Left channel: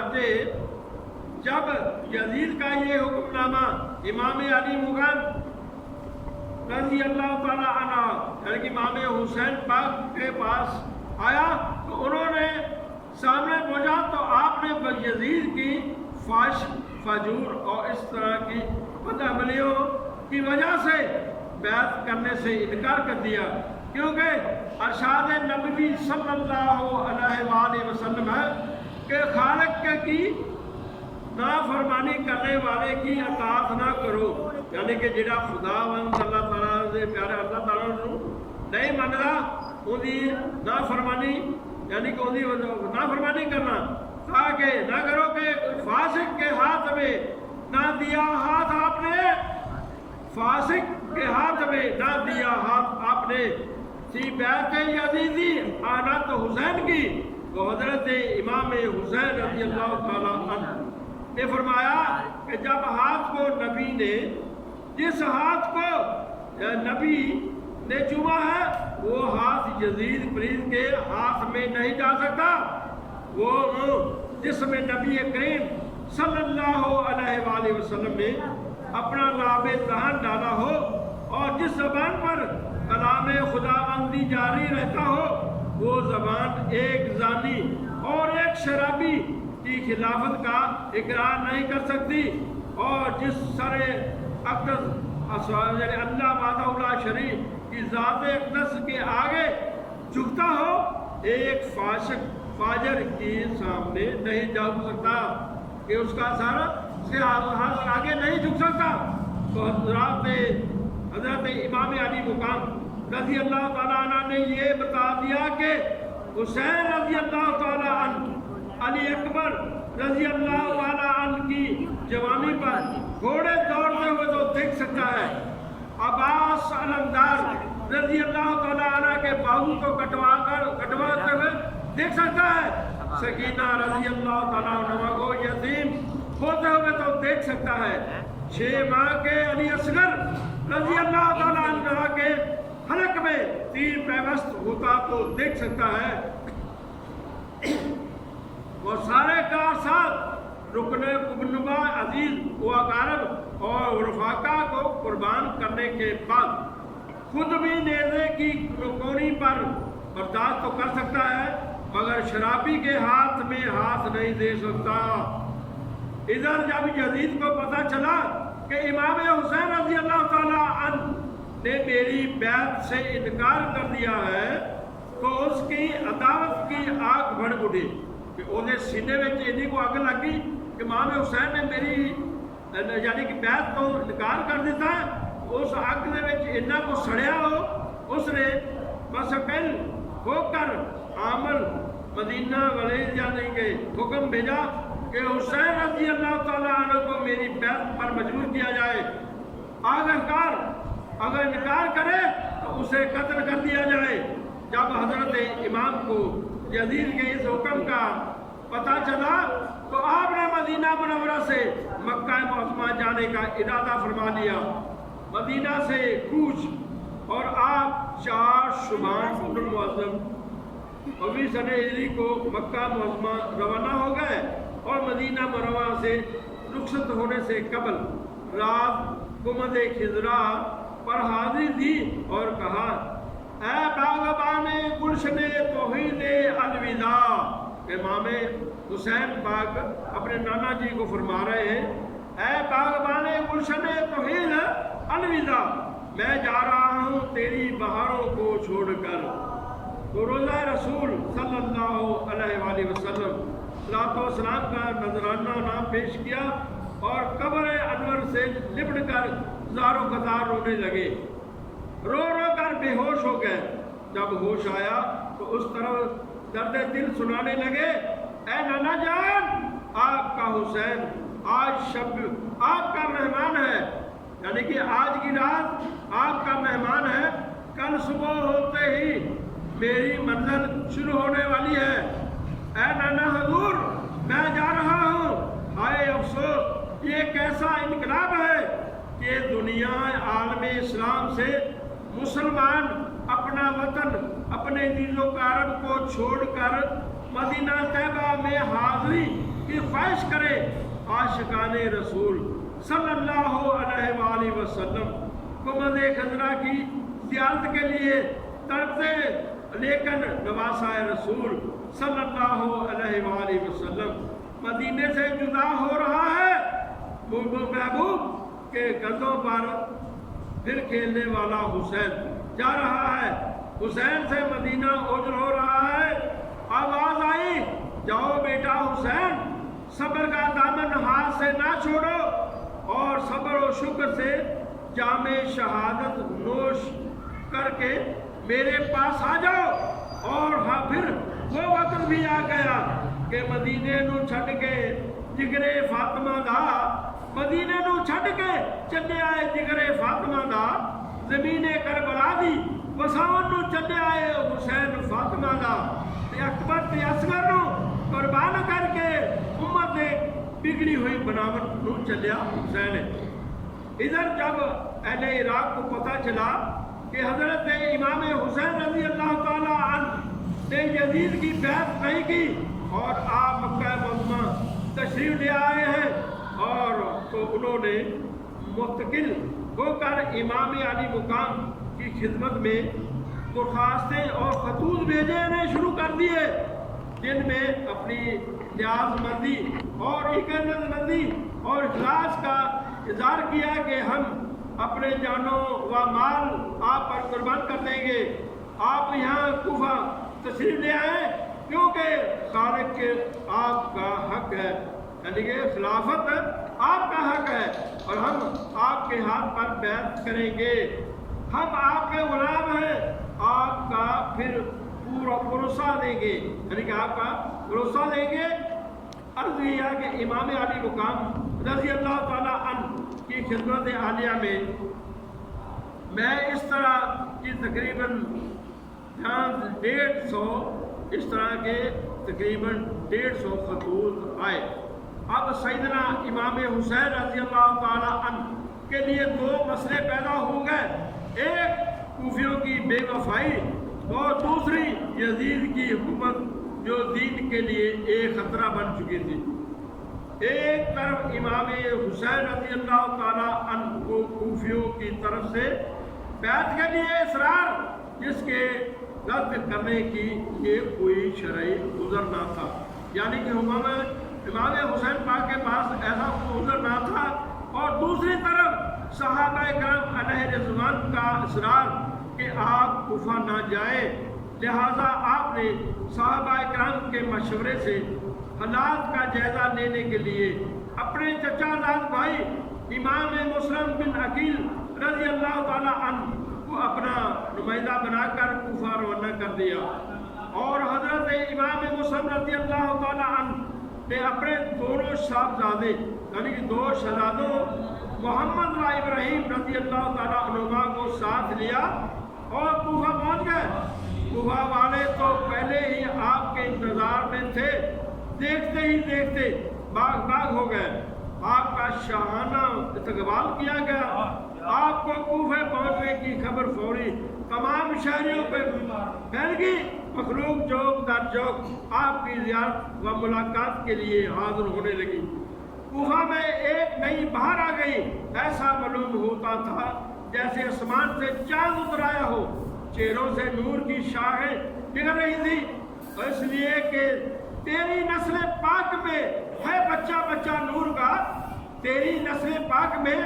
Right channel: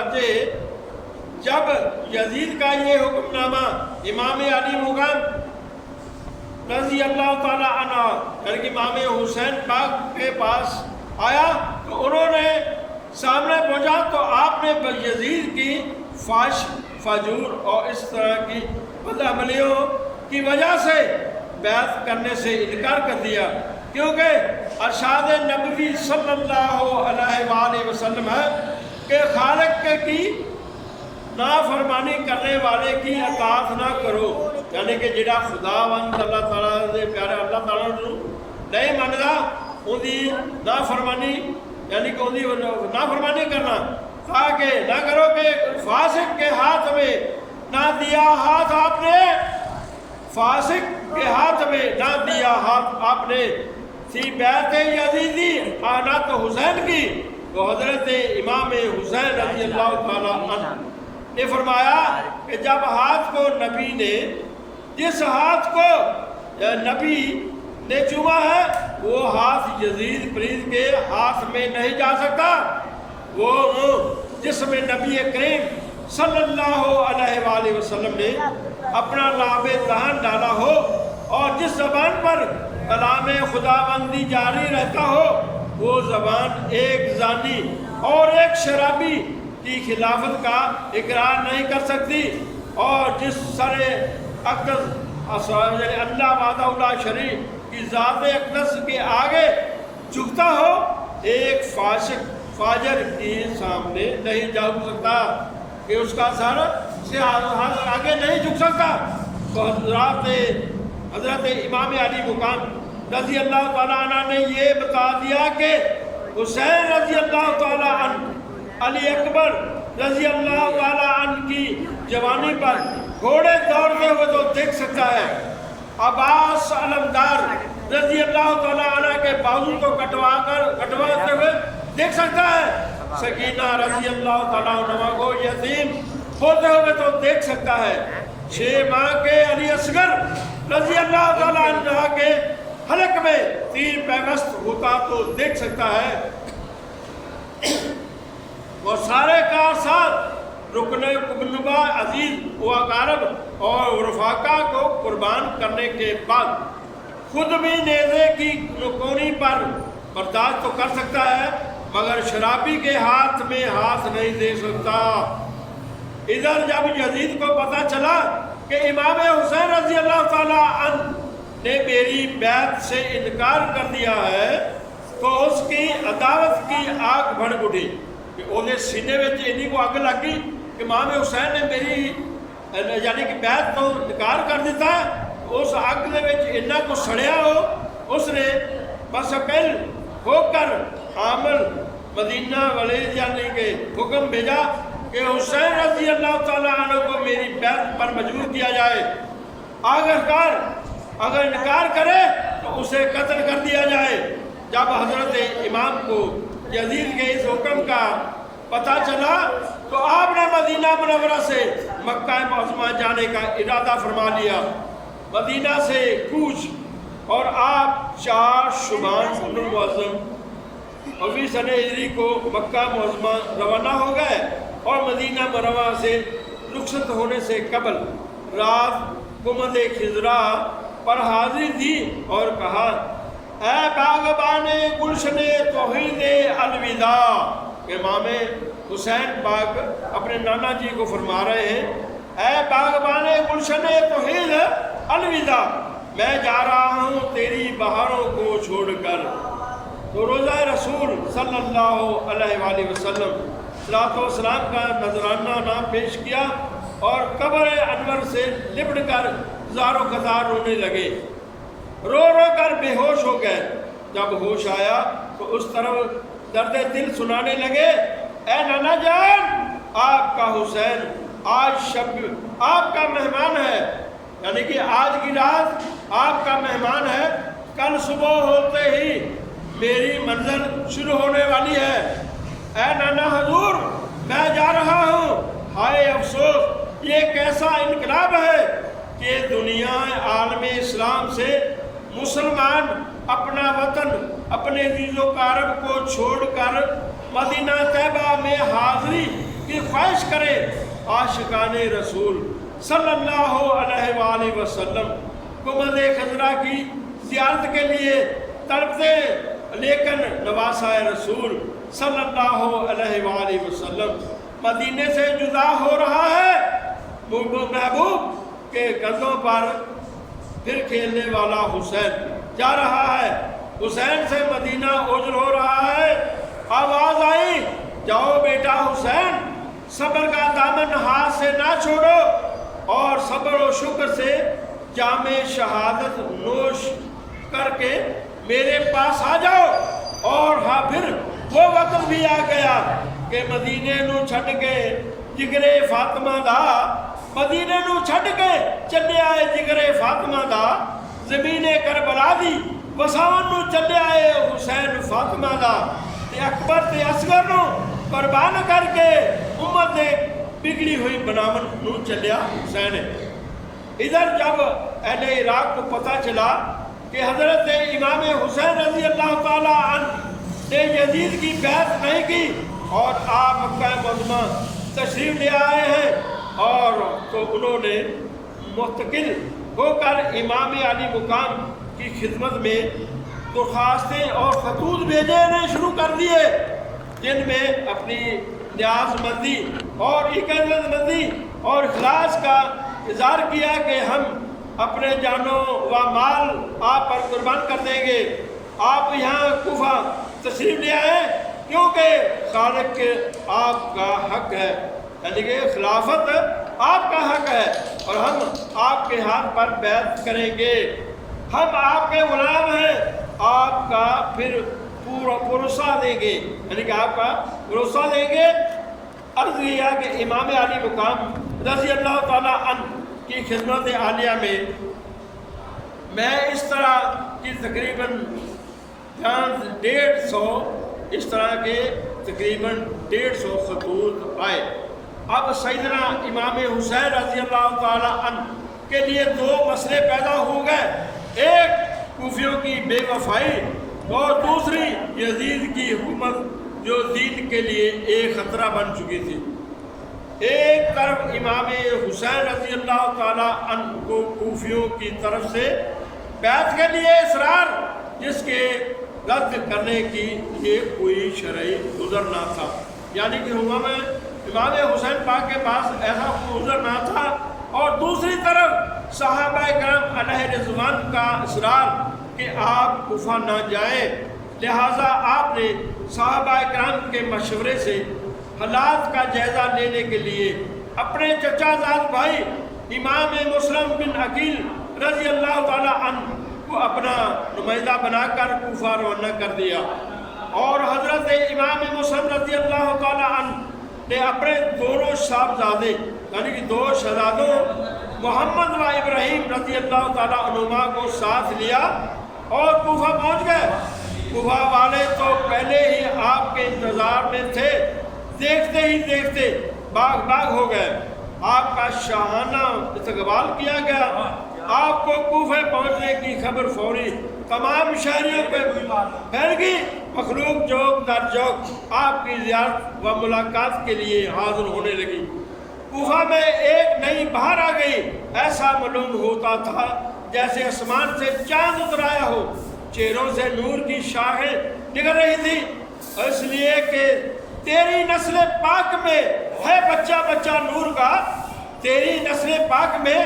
چنانچہ جب یزید کا یہ حکم نامہ امام علی مقام رضی اللہ تعالیٰ عنہ یعنی کہ امام حسین پاک کے پاس آیا تو انہوں نے سامنے پہنچا تو آپ نے یزید کی فحش فجور اور اس طرح کی بدعملیوں کی وجہ سے بیعت کرنے سے انکار کر دیا، کیونکہ ارشاد نبوی صلی اللہ علیہ وآلہ وسلم ہے کہ خالق کی نافرمانی کرنے والے کی اطاعت نہ کرو، یعنی کہ جڑا خداوند اللہ تعالیٰ دے پیارے اللہ تعالیٰ نو نہیں مندا ان دی نافرمانی یعنی کہ ان دی نافرمانی کرنا تاکہ نہ کرو کہ فاسق کے ہاتھ میں نہ دیا ہاتھ آپ نے، فاسق کے ہاتھ میں نہ دیا ہاتھ آپ نے فی بیعت یزیدی آنات حسین کی، تو حضرت امام حسین رضی اللہ تعالیٰ عنہ نے فرمایا کہ جب ہاتھ کو نبی نے جس ہاتھ کو نبی نے چوما ہے وہ ہاتھ یزید پرید کے ہاتھ میں نہیں جا سکتا، وہ جس میں نبی کریم صلی اللہ علیہ وآلہ وسلم نے اپنا لعاب دہن ڈالا ہو اور جس زبان پر کلام خداوندی جاری رہتا ہو وہ زبان ایک زانی اور ایک شرابی کی خلافت کا اقرار نہیں کر سکتی، اور جس سر اقدس یعنی اللہ وحدہ لا شریک کی ذات اقدس کے آگے جھکتا ہو ایک فاسق فاجر کے سامنے نہیں جھک سکتا کہ اس کا سر سے آگے نہیں جھک سکتا۔ تو حضرت امام علی مقام رضی اللہ تعالیٰ عنہ نے یہ بتا دیا کہ حسین رضی اللہ تعالیٰ عنہ علی اکبر رضی اللہ تعالیٰ عنہ کی جوانی پر گھوڑے دوڑتے ہوئے تو دیکھ سکتا ہے، عباس علمدار رضی اللہ تعالیٰ عنہ کے بازو کو کٹواتے ہوئے دیکھ سکتا ہے، سکینہ رضی اللہ تعالیٰ عنہ کو یتیم ہوتے ہوئے تو دیکھ سکتا ہے، 6 ماہ کے علی اصغر رضی اللہ تعالیٰ عنہ کے حلق میں تیر پیوست ہوتا تو دیکھ سکتا ہے، اور سارے کا ساتھ رکن قبنبا عزیز و اقارب اور رفاقہ کو قربان کرنے کے بعد خود بھی نیزے کی نکونی پر برداشت تو کر سکتا ہے مگر شرابی کے ہاتھ میں ہاتھ نہیں دے سکتا۔ ادھر جب یزید کو پتہ چلا کہ امام حسین رضی اللہ تعالیٰ عنہ نے میری بیعت سے انکار کر دیا ہے تو اس کی عداوت کی آگ بھڑک اٹھی کہ وہ سینے میں انہی کو اگ لگ گئی کہ امام حسین نے میری یعنی کہ بیعت تو انکار کر دیتا ہے، اس اگ دے وچ انہا کو سڑیا ہو، اس نے بس اقل ہو کر عامل مدینہ ولید یعنی کہ حکم بھیجا کہ حسین رضی اللہ تعالیٰ عنہ کو میری بیعت پر مجبور کیا جائے، اگر انکار کرے تو اسے قتل کر دیا جائے۔ جب حضرت امام کو یزید کے اس حکم کا پتہ چلا تو آپ نے مدینہ منورہ سے مکہ معظمہ جانے کا ارادہ فرما لیا، مدینہ سے کوچ، اور آپ 4 شعبان المعظم 20 سنہ ہجری کو مکہ معظمہ روانہ ہو گئے، اور مدینہ منورہ سے رخصت ہونے سے قبل رات کمد خضرا پر حاضری دی اور کہا، اے باغبان گلشن توحید الوداع، امام حسین پاک اپنے نانا جی کو فرما رہے ہیں، اے باغبان گلشن توحید الوداع، میں جا رہا ہوں تیری بہاروں کو چھوڑ کر۔ تو روزہ رسول صلی اللہ علیہ وآلہ وسلم صلاۃ و سلام کا نذرانہ نام پیش کیا اور قبر انور سے لپٹ کر زار و قطار رونے لگے، رو رو کر بے ہوش ہو گئے۔ جب ہوش آیا تو اس طرف درد دل سنانے لگے، اے نانا جان، آپ کا حسین آج شب آپ کا مہمان ہے، یعنی کہ آج کی رات آپ کا مہمان ہے، کل صبح ہوتے ہی میری منزل شروع ہونے والی ہے۔ اے نانا حضور، میں جا رہا ہوں، ہائے افسوس، یہ کیسا انقلاب ہے کہ دنیا عالم اسلام سے مسلمان اپنا وطن، اپنے عزیز و اقارب کو چھوڑ کر مدینہ طیبہ میں حاضری کی خواہش کرے عاشقان رسول صلی اللہ علیہ وآلہ وسلم کمد خضرا کی زیارت کے لیے تڑپتے، لیکن نواسہ رسول صلی اللہ علیہ وآلہ وسلم مدینے سے جدا ہو رہا ہے۔ محبوب کے کندھوں پر پھر کھیلنے والا حسین جا رہا ہے، حسین سے مدینہ اوجل ہو رہا ہے۔ آواز آئی، جاؤ بیٹا حسین، صبر کا دامن ہاتھ سے نہ چھوڑو اور صبر و شکر سے جام شہادت نوش کر کے میرے پاس آ جاؤ۔ اور ہاں پھر وہ وقت بھی آ گیا کہ مدینے نو چھڈ کے جگرے فاطمہ دا، مدینے نو چھڈ کے چلے آئے جگرے فاطمہ دا، زمین کربلا دی وساون نو چلے آئے حسین فاطمہ دا، تے اکبر تے اصغر نو قربان کر کے امت دے بگڑی ہوئی بناون نو چلیا حسین ہے۔ ادھر جب اہل عراق کو پتہ چلا کہ حضرت امام حسین رضی اللہ تعالی عنہ نے یزید کی بیعت نہیں کی اور آپ مکہ معظمہ تشریف لے آئے ہیں، اور تو انہوں نے مستقل ہو کر امام علی مقام کی خدمت میں درخواستیں اور خطوط بھیجنے شروع کر دیے، جن میں اپنی نیاز مندی اور عقیدت مندی اور اخلاص کا اظہار کیا کہ ہم اپنے جانوں و مال آپ پر قربان کر دیں گے، آپ یہاں کوفہ تشریف لے آئیں کیونکہ خالق کے آپ کا حق ہے، یعنی کہ خلافت آپ کا حق ہے اور ہم آپ کے ہاتھ پر بیعت کریں گے، ہم آپ کے غلام ہیں، آپ کا پھر پورا بھروسہ دیں گے، یعنی کہ آپ کا بھروسہ دیں گے۔ عرض کیا کہ امام علی مقام رضی اللہ تعالیٰ عنہ کی خدمت عالیہ میں اس طرح کی تقریباً 150 اس طرح کے تقریباً 150 خطوط آئے۔ اب سیدنا امام حسین رضی اللہ تعالیٰ عنہ کے لیے دو مسئلے پیدا ہو گئے، ایک کوفیوں کی بے وفائی اور دوسری یزید کی حکومت جو دین کے لیے ایک خطرہ بن چکی تھی۔ ایک طرف امام حسین رضی اللہ تعالیٰ عنہ کو کوفیوں کی طرف سے بیعت کے لیے اصرار، جس کے رد کرنے کی یہ کوئی شرعی عذر نہ تھا، یعنی کہ امام حسین پاک کے پاس ایسا کوئی عذر نہ تھا، اور دوسری طرف صحابہ کرام علیہ رضوان کا اصرار کہ آپ کوفہ نہ جائیں، لہٰذا آپ نے صحابہ کرام کے مشورے سے حالات کا جائزہ لینے کے لیے اپنے چچا زاد بھائی امام مسلم بن عقیل رضی اللہ تعالیٰ عنہ کو اپنا نمائندہ بنا کر کوفہ روانہ کر دیا، اور حضرت امام مسلم رضی اللہ تعالیٰ عنہ نے اپنے دونوں صاحبزادے یعنی کہ دو شہزادوں محمد و ابراہیم رضی اللہ تعالیٰ عنہما کو ساتھ لیا اور کوفہ پہنچ گئے۔ کوفہ والے تو پہلے ہی آپ کے انتظار میں تھے، دیکھتے ہی دیکھتے باغ باغ ہو گئے، آپ کا شاہانہ استقبال کیا گیا، آپ کو کوفہ پہنچنے کی خبر فوری تمام شہریوں پہ پھیل گئی، مخلوق جوک در جوک آپ کی زیارت و ملاقات کے لیے حاضر ہونے لگی۔ کوفہ میں ایک نئی بہار آ گئی، ایسا معلوم ہوتا تھا جیسے آسمان سے چاند اتر آیا ہو، چہروں سے نور کی شاخیں نکل رہی تھی، اس لیے کہ تیری نسل پاک میں ہے بچہ بچہ نور کا، تیری نسل پاک میں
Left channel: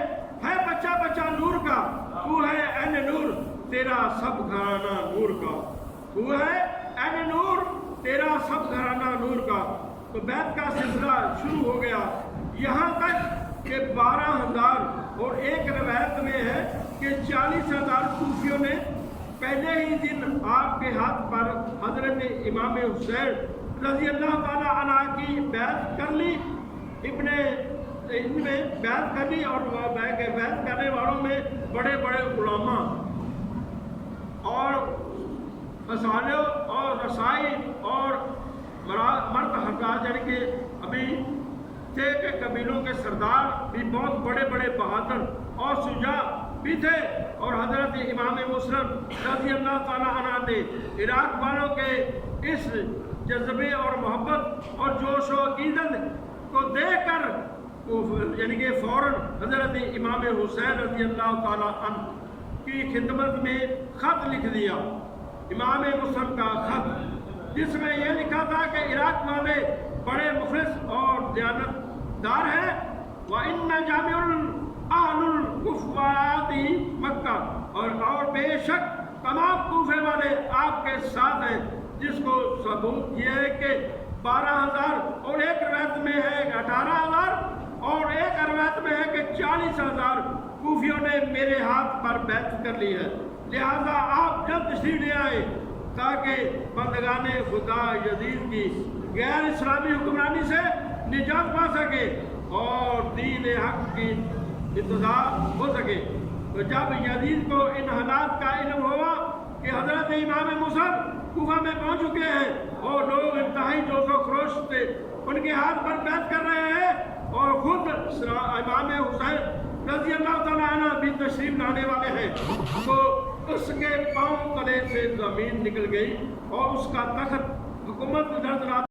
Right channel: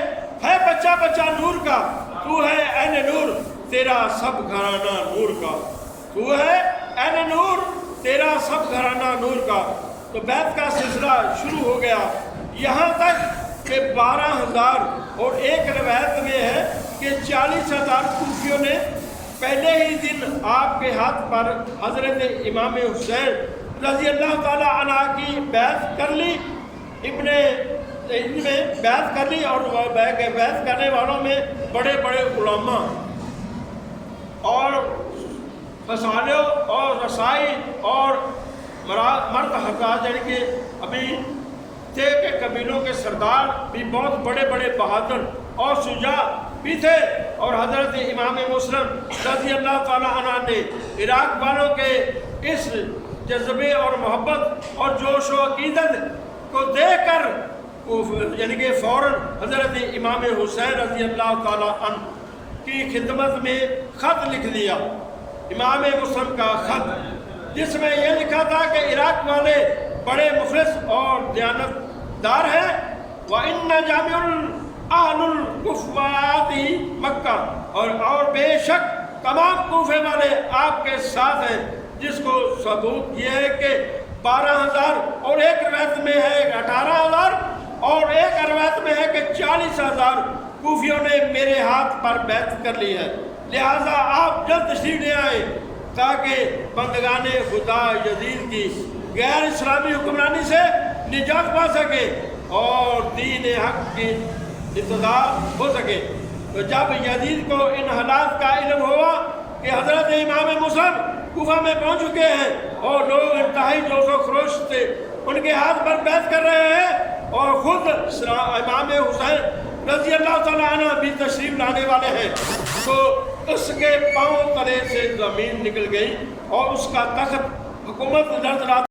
ہے بچہ بچہ نور کا، تو ہے عین نور تیرا سب گھرانہ نور کا، تو ہے عین نور تیرا سب گھرانہ نور کا۔ تو بیعت کا سلسلہ شروع ہو گیا، یہاں تک کہ 12,000 اور ایک روایت میں ہے کہ 40,000 کوفیوں نے پہلے ہی دن آپ کے ہاتھ پر حضرت امام حسین رضی اللہ تعالیٰ عنہ کی بیعت کر لی، ان میں بیعت کر لی، اور بیعت کرنے والوں میں بڑے بڑے علماء اور فسانوں اور رسائی اور مرد حضرات یعنی کہ ابھی تھے کہ قبیلوں کے سردار بھی بہت بڑے بڑے بہادر اور شجاع بھی تھے، اور حضرت امام مسلم رضی اللہ تعالیٰ عنہ نے عراق والوں کے اس جذبے اور محبت اور جوش و عقیدت کو دیکھ کر یعنی کہ فوراً حضرت امام حسین رضی اللہ تعالیٰ عنہ کی خدمت میں خط لکھ دیا، امام مسلم کا خط، جس میں یہ لکھا تھا کہ عراق والے بڑے مخلص اور دیانت دار ہیں، وَإِنَّ جَامِعُ أَهْلُ الْكُفَّاتِ مکہ، اور بے شک تمام کوفے والے آپ کے ساتھ ہیں، جس کو ثبوت یہ ہے کہ 12,000 اور ایک روایت میں ہے 18,000 اور ایک روایت میں ہے کہ 40,000 کوفیوں نے میرے ہاتھ پر بیعت کر لی ہے، لہٰذا آپ جلد تشریف لے آئے تاکہ بندگان خدا یزید کی غیر اسلامی حکمرانی سے نجات پا سکے اور دین حق کی ابتدا ہو سکے۔ تو جب یزید کو ان حالات کا علم ہوا کہ حضرت امام مسلم کوفہ میں پہنچ چکے ہیں اور لوگ انتہائی جوش و خروش سے ان کے ہاتھ پر بیعت کر رہے ہیں اور خود امام حسین رضی اللہ تعالیٰ عنہ بھی تشریف لانے والے ہیں، تو اس کے پاؤں تلے سے زمین نکل گئی اور اس کا تخت حکومت لرزلا